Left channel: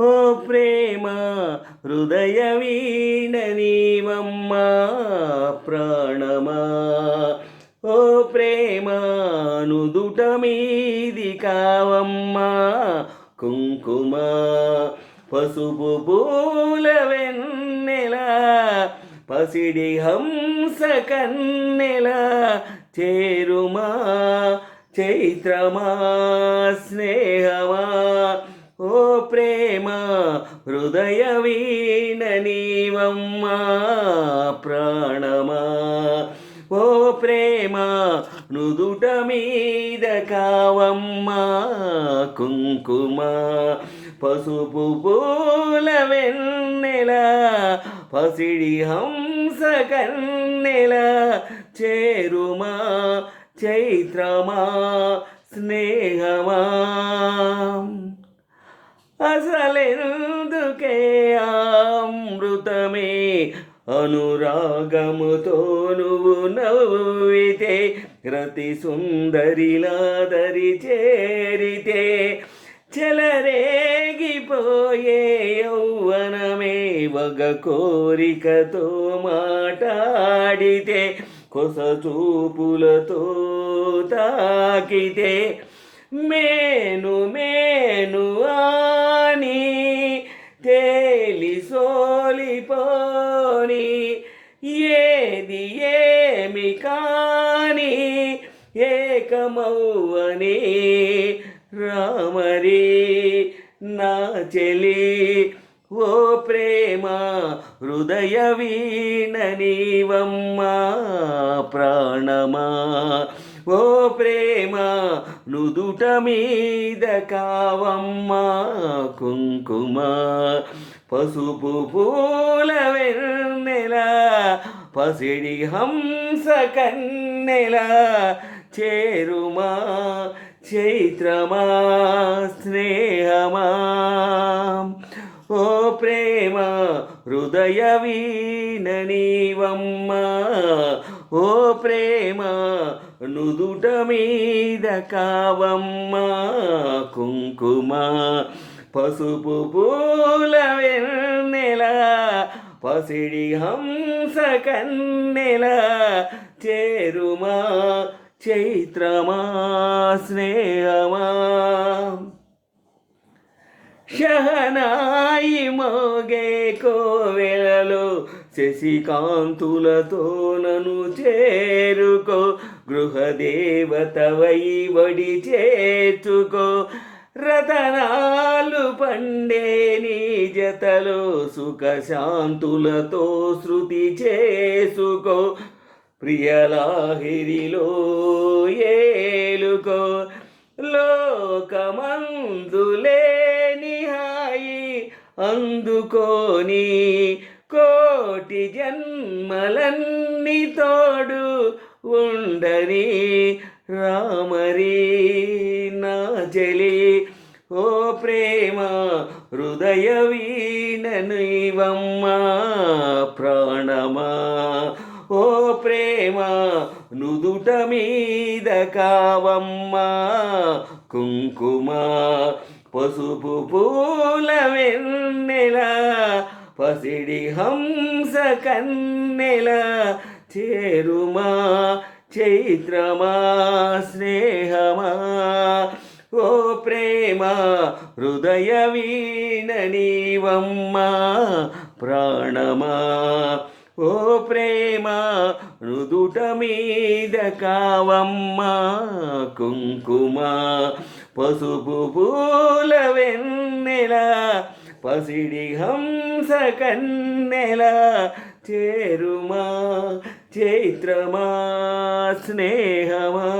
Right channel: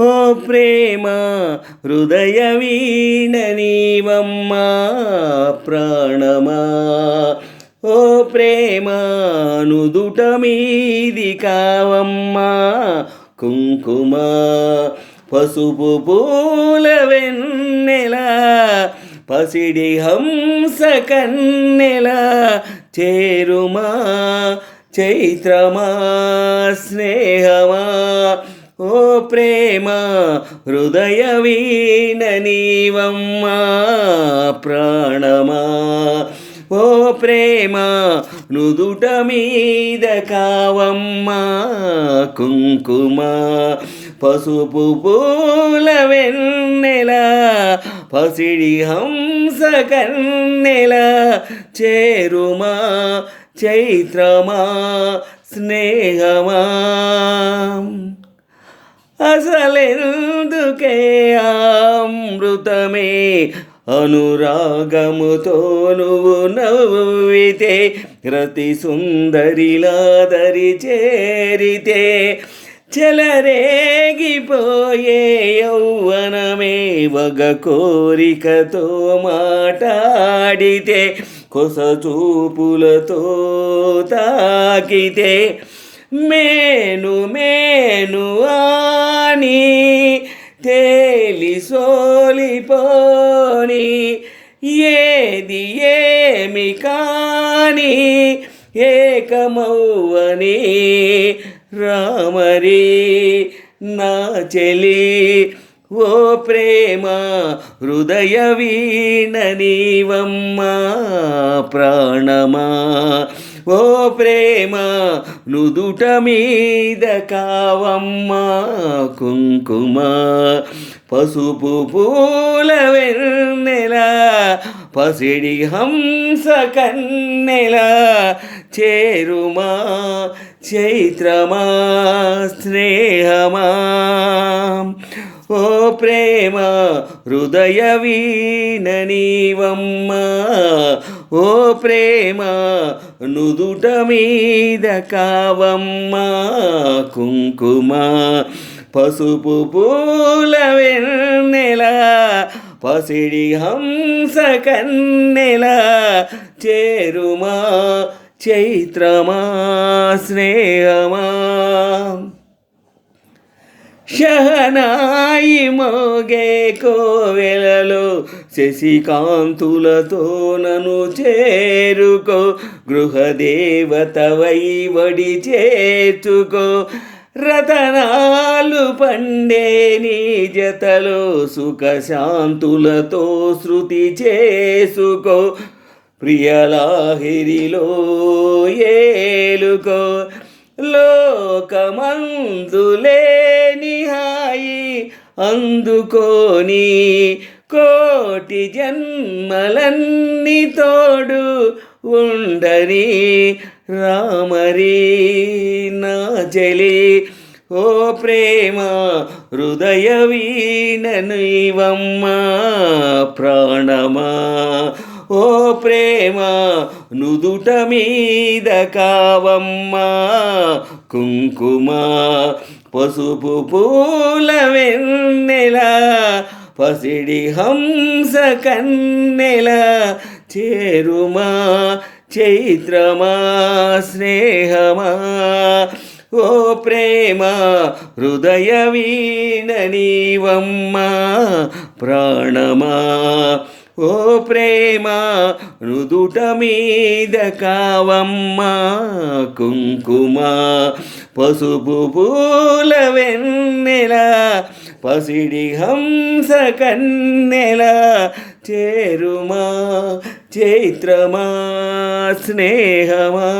ఓ ప్రేమ హృదయ వీణ నీవమ్మా ప్రాణమా. ఓ ప్రేమ నుదుట మీది కావమ్మా కుంకుమ. పసుపు పూల వెన్నెల పసిడి హంస కన్నెల చేరుమా చైత్రమా స్నేహమా. ఓ ప్రేమ హృదయ వీణ నీవమ్మా ప్రాణమా. ఓ ప్రేమ నుదుట మీద కావమ్మా కుంకుమ. పసుపు పూల వెన్నెల పసిడి హంస కన్నెల చేరుమా చైత్రమా స్నేహమా. అసలెందుకే అమృతమే అనురాగముతో నువ్వు నవ్వితే రతి సుందరిలా దరి చేరితే చెలరేగిపోయే యౌవనమే వగ కోరికతో మాటాడితే కొస చూపులతో తాకితే మేను మేను అని తేలి సోలిపోని ఏది ఏమి కాని ఏకమౌవని రామరి నా చెలి. ఓ ప్రేమ హృదయ వీణ నీవమ్మా ప్రాణమా. ఓ ప్రేమ నుదుట మీద కావమ్మా కుంకుమ. పసుపు పూల వెన్నెల పసిడి హంస కన్నెల చేరుమా చైత్రమా స్నేహమా. ఓ ప్రేమ హృదయ వీణ నీవమ్మా. ఓ ప్రేమ నుదుట మీద కావమ్మా కుంకుమ. పసుపు పూల వెన్నెల పసిడి హంస కన్నెల చేరుమా చైత్రమా స్నేహమా. షహనాయి మోగే కోవెలలో శశికాంతులతో నన్ను చేరుకో గృహదేవతవై వడి చేర్చుకో. రతనాలు పండే నీ జతలో సుఖశాంతులతో శృతి చేసుకో. ప్రియలాహిరిలో ఏలుకో లోకమందులేని హాయి అందుకోని కోటి జన్మలన్నీ తోడు ఉండని రామరి నా చెలి. ఓ ప్రేమ హృదయ వీణ నీవమ్మా ప్రాణమా. ఓ ప్రేమ నుదుట మీద కావమ్మా కుంకుమ. పసుపు పూల వెన్నెల పసిడి హంస కన్నెల చేరుమా చైత్రమా స్నేహమా. ఓ ప్రేమ హృదయ వీణ నీవమ్మా ప్రాణమా. ఓ ప్రేమ నుదుట మీద కావమ్మా కుంకుమ. పసుపు పూల వెన్నెల పసిడి హంస కన్నెల చేరుమా చైత్రమా స్నేహమా.